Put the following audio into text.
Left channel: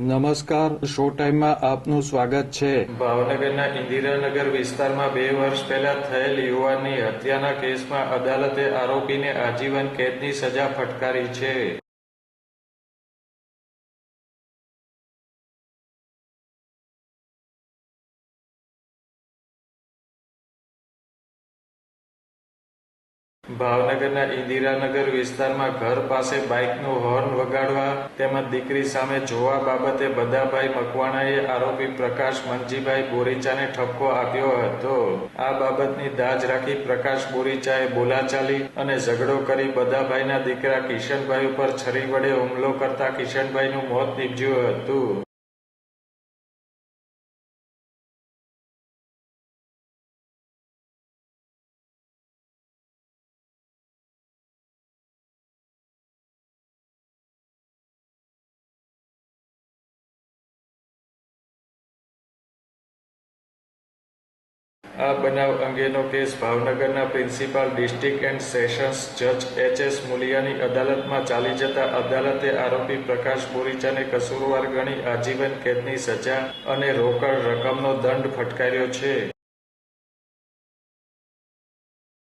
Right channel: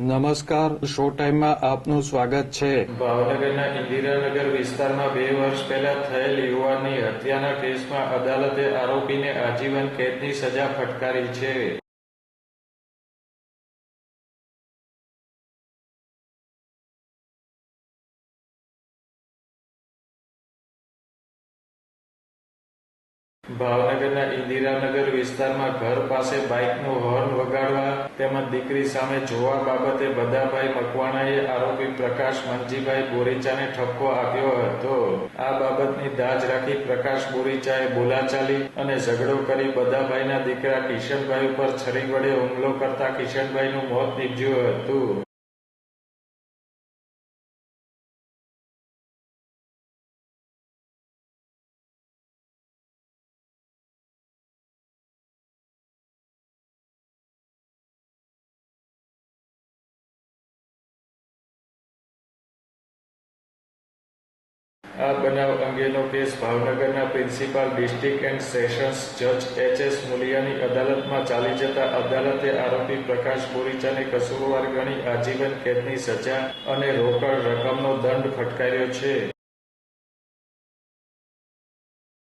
નમસ્કાર શો ટાઈમમાં આપનું સ્વાગત છે. ભાવનગરના ઇન્દિરાનગર વિસ્તારમાં બે વર્ષ પહેલા થયેલ યુવાનની હત્યાના કેસમાં અદાલતે આરોપીને આજીવન કેદની સજા ફટકારી છે. ભાવનગરના ઇન્દિરાનગર વિસ્તારમાં ઘર પાસે બાઇકનું હોર્ન વગાડવા તેમજ દીકરી સામે જોવા બાબતે બદાભાઈ મકવાણાએ આરોપી પ્રકાશ મનજીભાઈ બોરીચાને ઠપકો આપ્યો હતો. આ બાબતની દાજ રાખી પ્રકાશ બોરીચાએ બોલાચાલી અને ઝઘડો કરી બદાભાઈના દીકરા કિશનભાઈ ઉપર છરી વડે હુમલો કરતા કિશનભાઈનું મોત નીપજ્યું હતું. આ બનાવ અંગેનો કેસ ભાવનગરના પ્રિન્સિપાલ ડિસ્ટ્રિક્ટ એન્ડ સેશન્સ જજ એચ એસ મુલિયાની અદાલતમાં ચાલી જતા અદાલતે આરોપી પ્રકાશ બોરીચાને કસૂરવાર ગણી આજીવન કેદની સજા અને રોકડ રકમનો દંડ ફટકાર્યો છે.